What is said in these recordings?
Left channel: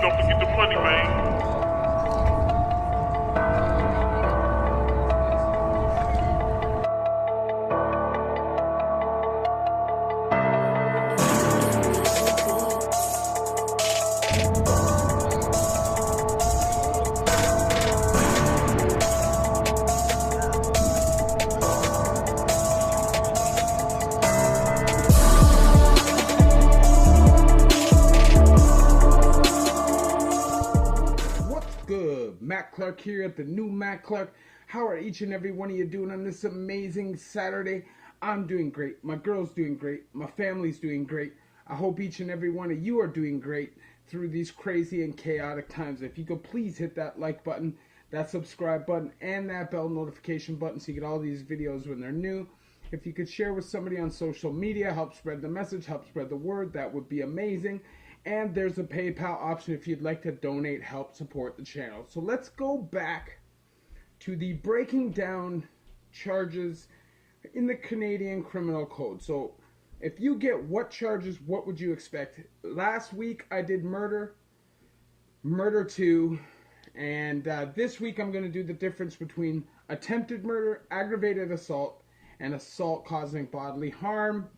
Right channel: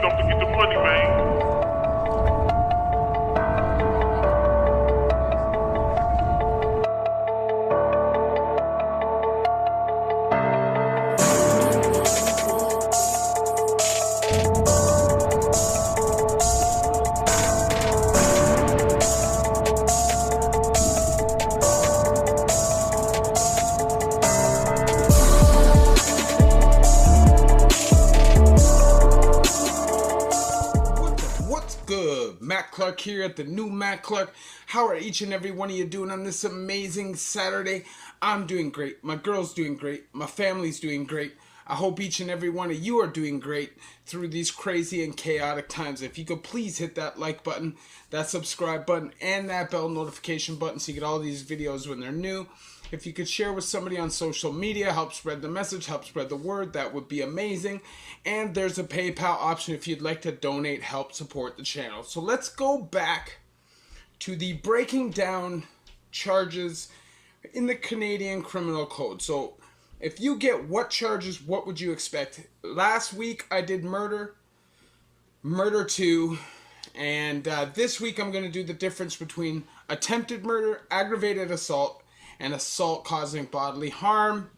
don't forget the money, man. Matt Clark here at the new Matt Clark. How are each and every one of you doing on this amazing Saturday? I'm doing great. My girl's doing great. My family's doing great. I hope each and every one of you are doing great through these crazy and chaotic times. If you could please hit that like button, that subscribe button, and that bell notification button so you get all these videos when they're new. If you could share with somebody on social media, help spread the message, help spread the word, that would be amazing. And there's a PayPal option if you'd like to donate, help support the channel. So let's go back to the breaking down charges in the Canadian Criminal Code. So if you get what charges, what would you expect? Last week I did murder 2, and this week I'm going to do the difference between attempted murder, aggravated assault, and assault causing bodily harm.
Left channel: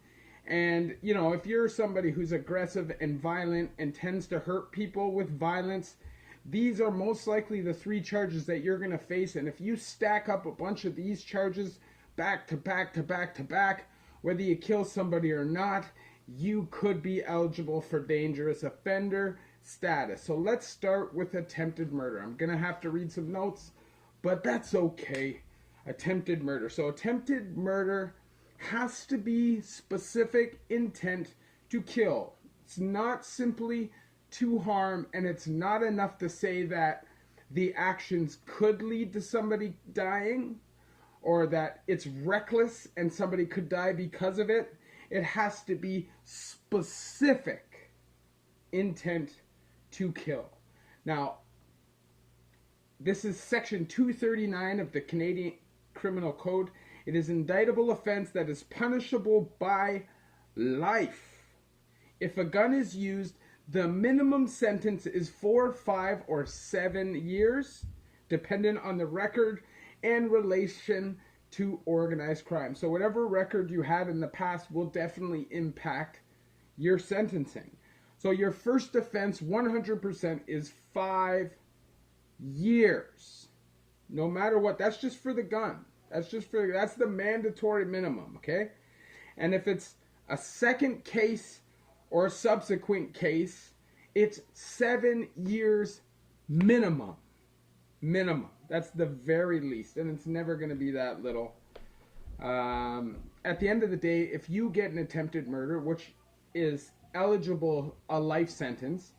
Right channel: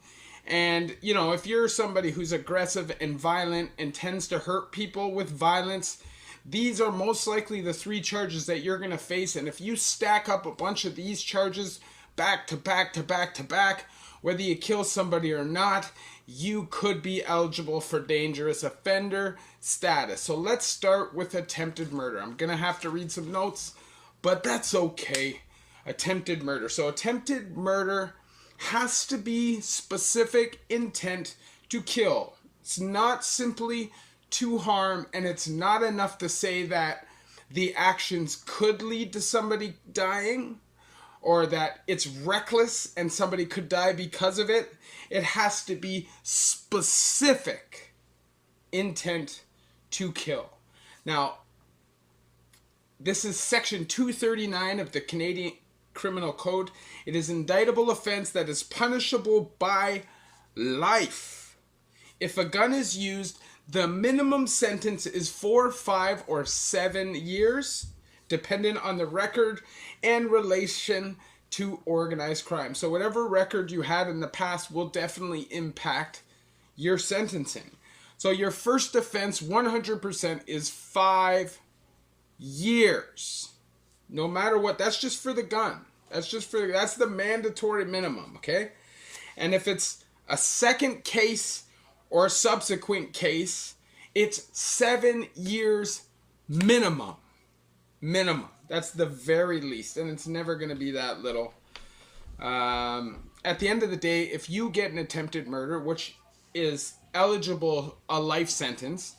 And, you know, if you're somebody who's aggressive and violent and tends to hurt people with violence, these are most likely the 3 charges that you're going to face. And if you stack up a bunch of these charges back to back to back to back, whether you kill somebody or not, you could be eligible for dangerous offender status. So let's start with attempted murder. I'm going to have to read some notes, but that's okay. Attempted murder. So attempted murder has to be specific intent to kill. It's not simply to harm, and it's not enough to say that the actions could lead to somebody dying or that it's reckless and somebody could die because of it. It has to be specific intent to kill. Now, this is section 239 of the Canadian Criminal Code. It is an indictable offense that is punishable by life. If a gun is used, the minimum sentence is 4, 5, or 7 years, dependent on the record and relation to organized crime. So whatever record you had in the past will definitely impact your sentencing. So your first offense, 100%, is 5 years. No matter what, that's just for the gun. That's the mandatory minimum, okay? And if it's a second case or a subsequent case, it's 7 years minimum. Minimum. That's the very least, and it's never going to be that little. At the end of the day, if you get an attempted murder, which is eligible a life sentence,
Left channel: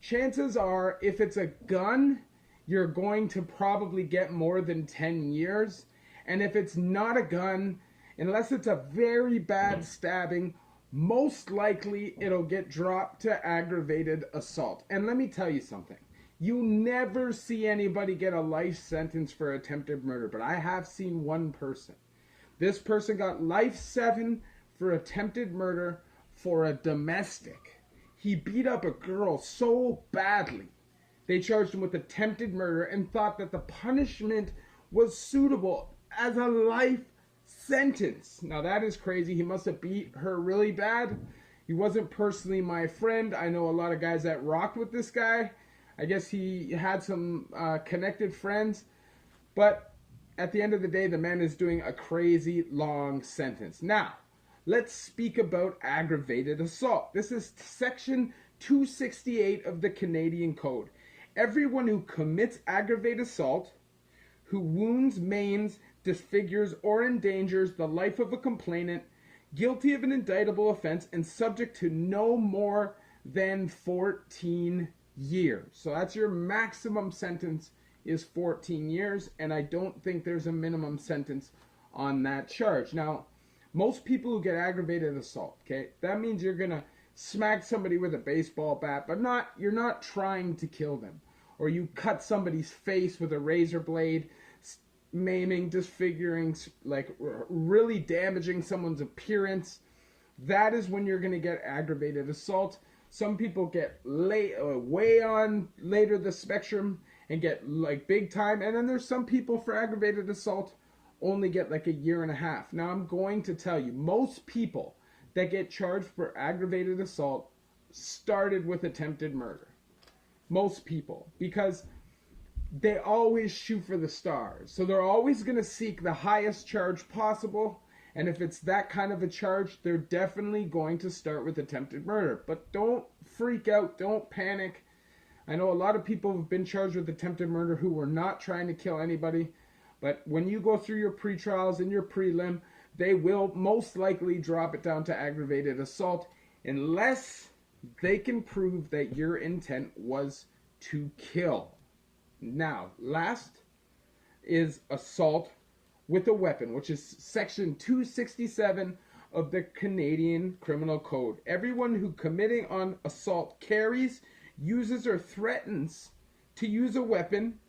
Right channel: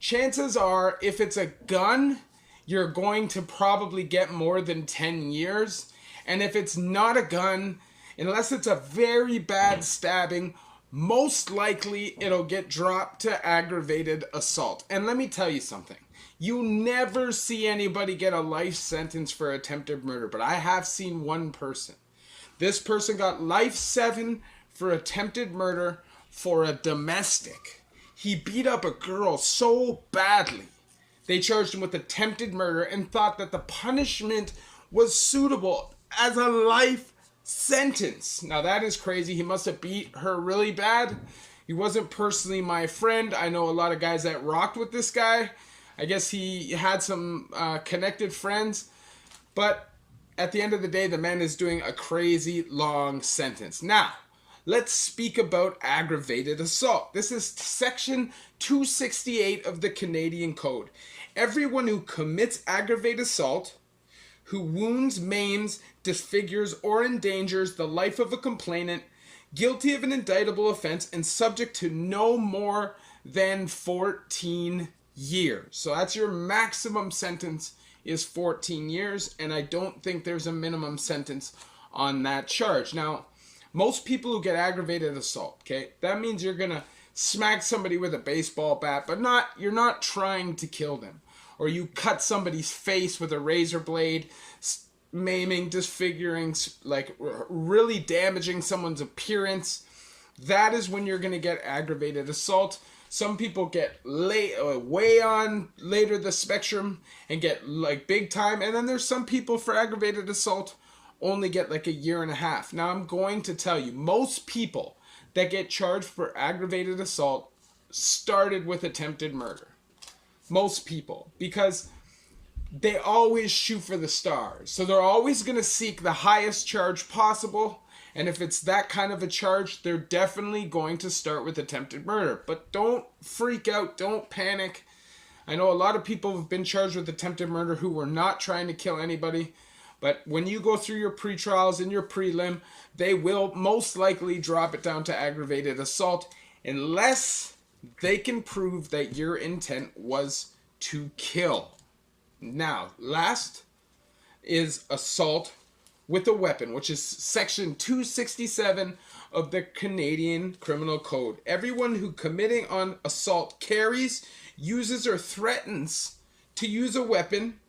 chances are, if it's a gun, you're going to probably get more than 10 years. And if it's not a gun, unless it's a very bad stabbing, most likely it'll get dropped to aggravated assault. And let me tell you something. You never see anybody get a life sentence for attempted murder, but I have seen one person. This person got life 7 for attempted murder for a domestic. He beat up a girl so badly, they charged him with attempted murder and thought that the punishment was suitable as a life sentence. Now that is crazy. He must have beat her really bad. He wasn't personally my friend. I know a lot of guys that rocked with this guy. I guess he had some connected friends. But at the end of the day, the man is doing a crazy long sentence. Now, let's speak about aggravated assault. This is section 268 of the Canadian Code. Everyone who commits aggravated assault, who wounds, maims, disfigures, or endangers the life of a complainant, guilty of an indictable offense and subject to no more than 14 years. So that's your maximum sentence, is 14 years, and I don't think there's a minimum sentence on that charge. Now, most people who get aggravated assault, okay, that means you're gonna smack somebody with a baseball bat, but you're not trying to kill them. Or you cut somebody's face with a razor blade, maiming, disfiguring, like really damaging someone's appearance. That is when you're going to get aggravated assault. Some people get way on later the spectrum and get like big time. And then there's some people for aggravated assault only get like a year and a half. Now I'm going to tell you, most people that get charged for aggravated assault started with attempted murder. Most people, because they always shoot for the stars. So they're always going to seek the highest charge possible. And if it's that kind of a charge, they're definitely going to start with attempted murder. But don't freak out. Don't panic. I know a lot of people have been charged with attempted murder who were not trying to kill anybody. But when you go through your pre-trials and your prelim, they will most likely drop it down to aggravated assault unless they can prove that your intent was to kill. Now, last is assault with a weapon, which is section 267 of the Canadian Criminal Code. Everyone who committing on assault carries, uses, or threatens to use a weapon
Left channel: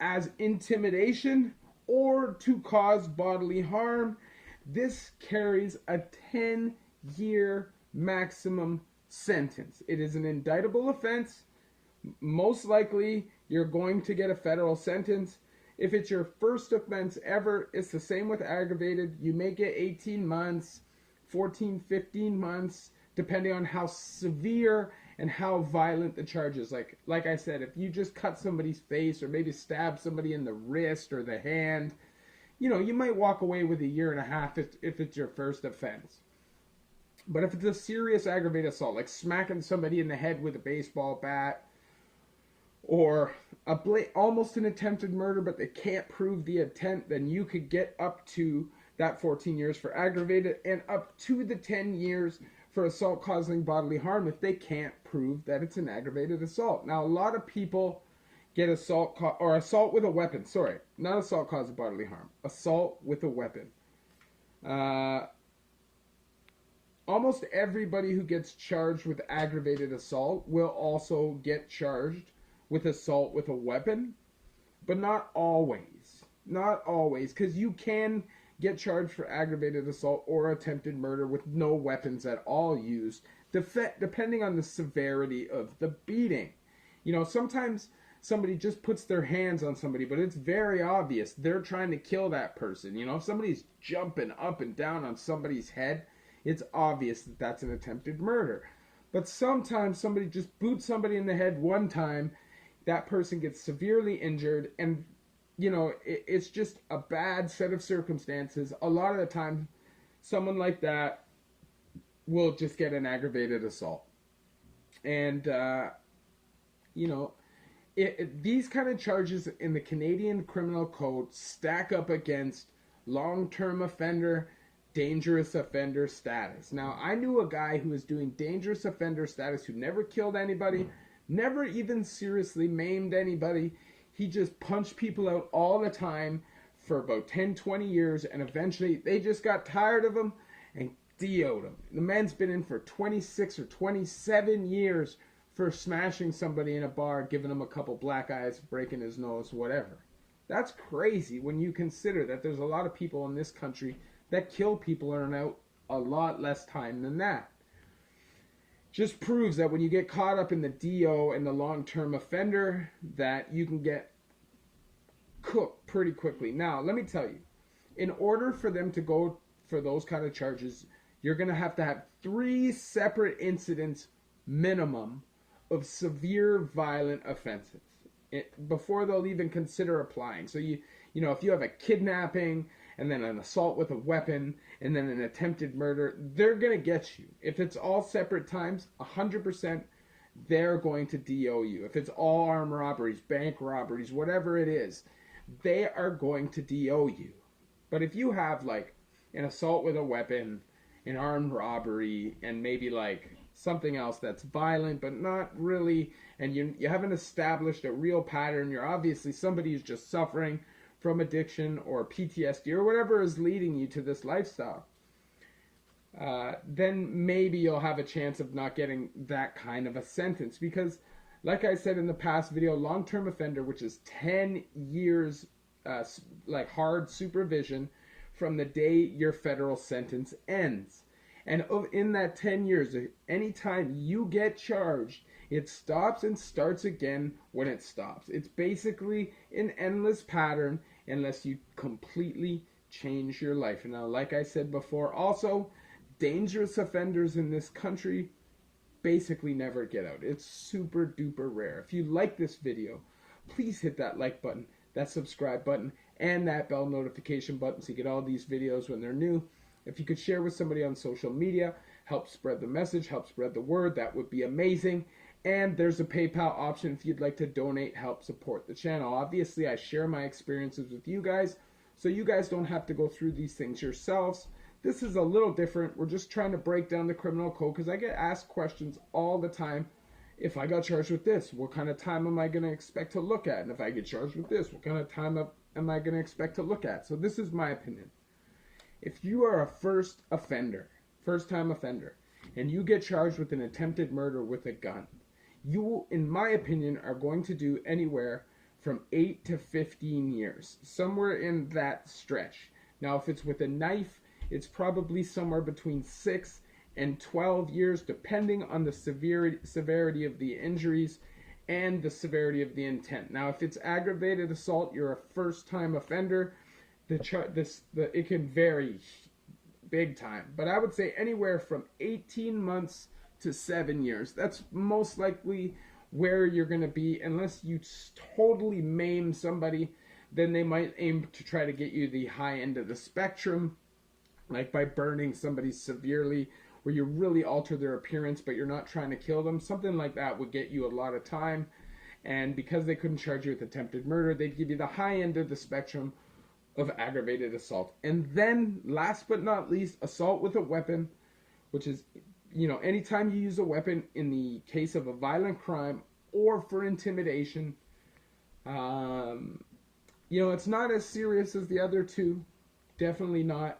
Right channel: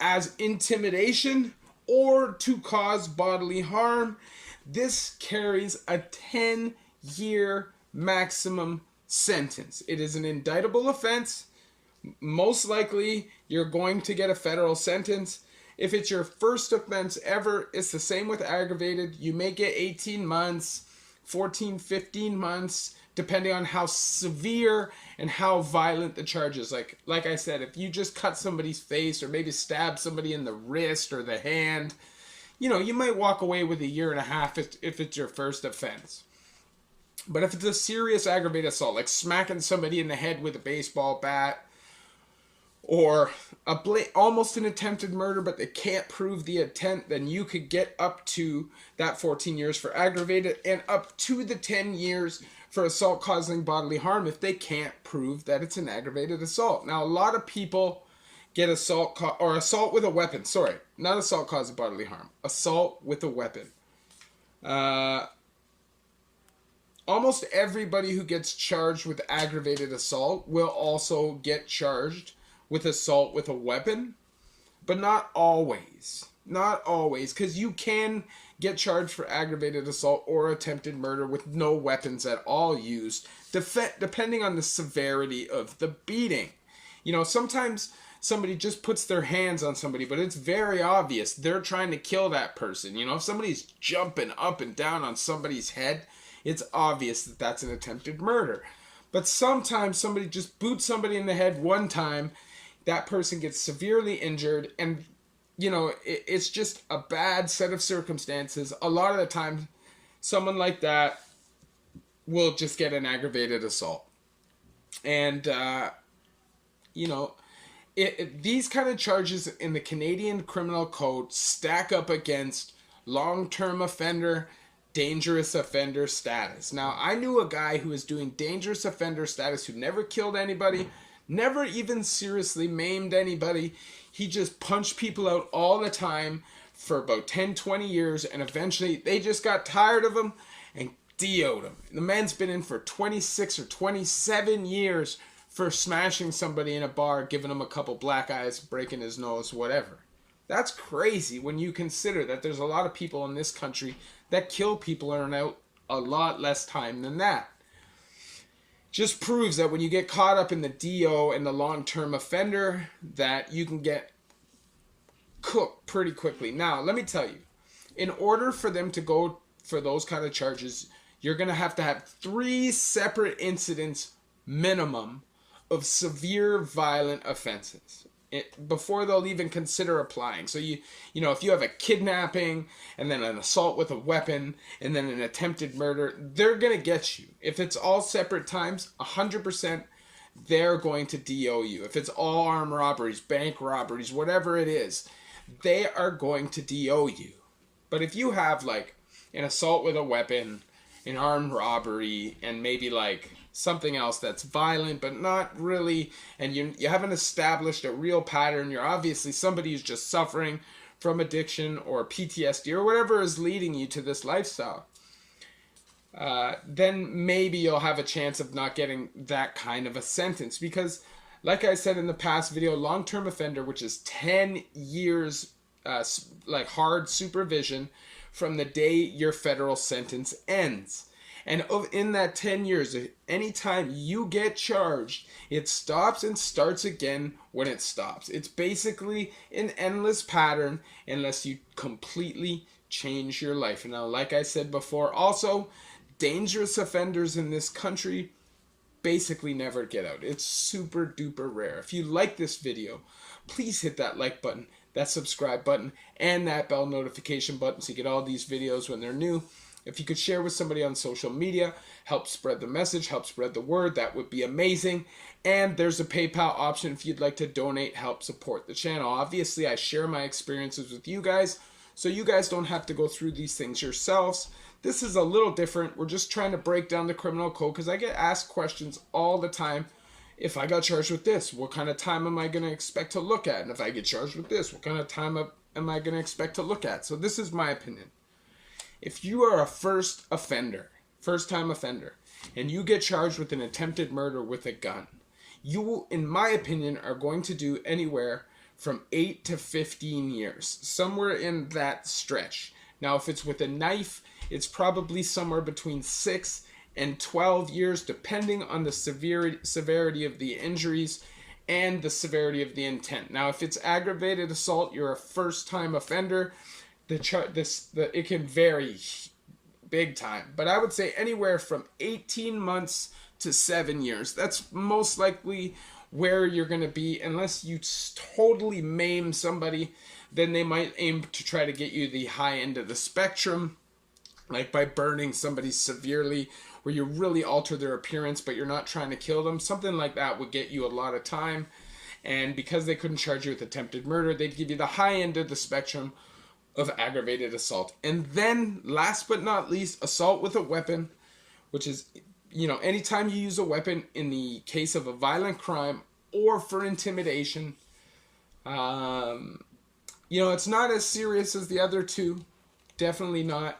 as intimidation or to cause bodily harm, this carries a 10-year maximum sentence. It is an indictable offense. Most likely, you're going to get a federal sentence. If it's your first offense ever, it's the same with aggravated. You may get 18 months, 14, 15 months, depending on how severe and how violent the charge is. Like I said, if you just cut somebody's face or maybe stab somebody in the wrist or the hand, you know, you might walk away with a year and a half if it's your first offense. But if it's a serious aggravated assault, like smacking somebody in the head with a baseball bat, or almost an attempted murder, but they can't prove the intent, then you could get up to that 14 years for aggravated and up to the 10 years for assault causing bodily harm if they can't prove that it's an aggravated assault. Now, a lot of people get assault with a weapon. Sorry, not assault causing bodily harm. Assault with a weapon. Almost everybody who gets charged with aggravated assault will also get charged with assault with a weapon, but not always. Not always, because you can get charged for aggravated assault or attempted murder with no weapons at all used, depending on the severity of the beating. You know, sometimes somebody just puts their hands on somebody, but it's very obvious they're trying to kill that person. You know, if somebody's jumping up and down on somebody's head, it's obvious that that's an attempted murder. But sometimes somebody just boots somebody in the head one time, that person gets severely injured, and you know, it's just a bad set of circumstances. A lot of the time, someone like that will just get an aggravated assault. And, you know, these kind of charges in the Canadian Criminal Code stack up against long-term offender, dangerous offender status. Now, I knew a guy who was doing dangerous offender status who never killed anybody, never even seriously maimed anybody. He just punched people out all the time for about 10, 20 years, and eventually they just got tired of him and DO'd him. The man's been in for 26 or 27 years for smashing somebody in a bar, giving him a couple black eyes, breaking his nose, whatever. That's crazy when you consider that there's a lot of people in this country that kill people and are out a lot less time than that. Just proves that when you get caught up in the DO and the long-term offender, that you can get cooked pretty quickly. Now, let me tell you, in order for them to go for those kind of charges, you're going to have 3 separate incidents minimum of severe violent offenses before they'll even consider applying. So you know, if you have a kidnapping and then an assault with a weapon and then an attempted murder, they're going to get you. If it's all separate times, 100% they're going to DO you. If it's all armed robberies, bank robberies, whatever it is, they are going to DO you. But if you have like an assault with a weapon, an armed robbery, and maybe like something else that's violent but not really, and you haven't established a real pattern, you're obviously somebody who's just suffering from addiction or PTSD or whatever is leading you to this lifestyle, then maybe you'll have a chance of not getting that kind of a sentence. Because like I said in the past video, long-term offender, which is 10 years like hard supervision from the day your federal sentence ends. And in that 10 years, anytime you get charged, it stops and starts again when it stops. It's basically an endless pattern unless you completely change your life. And now, like I said before, also, dangerous offenders in this country basically never get out. It's super duper rare. If you like this video, please hit that like button, that subscribe button, and that bell notification button so you get all these videos when they're new. If you could share with somebody on social media, help spread the message, help spread the word, that would be amazing. And there's a PayPal option if you'd like to donate, help support the channel. Obviously, I share my experiences with you guys, so you guys don't have to go through these things yourselves. This is a little different. We're just trying to break down the criminal code because I get asked questions all the time. If I got charged with this, what kind of time am I going to expect to look at? And if I get charged with this, what kind of time am I going to expect to look at? So this is my opinion. If you are a first-time offender, and you get charged with an attempted murder with a gun, you, in my opinion, are going to do anywhere from 8 to 15 years, somewhere in that stretch. Now, if it's with a knife, it's probably somewhere between 6 and 12 years, depending on the severity of the injuries and the severity of the intent. Now, if it's aggravated assault, you're a first-time offender, it can vary big time. But I would say anywhere from 18 months to 7 years. That's most likely where you're going to be, unless you totally maim somebody. Then they might aim to try to get you the high end of the spectrum, like by burning somebody severely, where you really alter their appearance, but you're not trying to kill them. Something like that would get you a lot of time. And because they couldn't charge you with attempted murder, they'd give you the high end of the spectrum of aggravated assault. And then, last but not least, assault with a weapon, which is, anytime you use a weapon in the case of a violent crime or for intimidation. It's not as serious as the other two. Definitely not.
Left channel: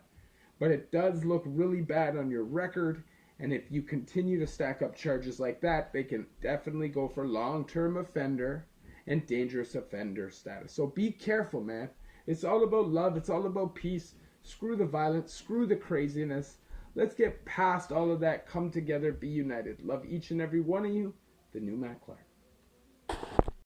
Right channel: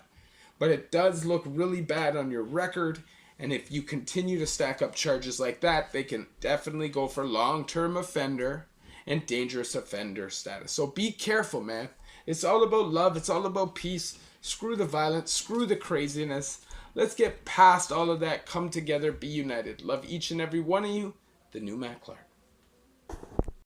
But it does look really bad on your record. And if you continue to stack up charges like that, they can definitely go for long-term offender and dangerous offender status. So be careful, man. It's all about love. It's all about peace. Screw the violence. Screw the craziness. Let's get past all of that. Come together. Be united. Love each and every one of you. The new Matt Clark.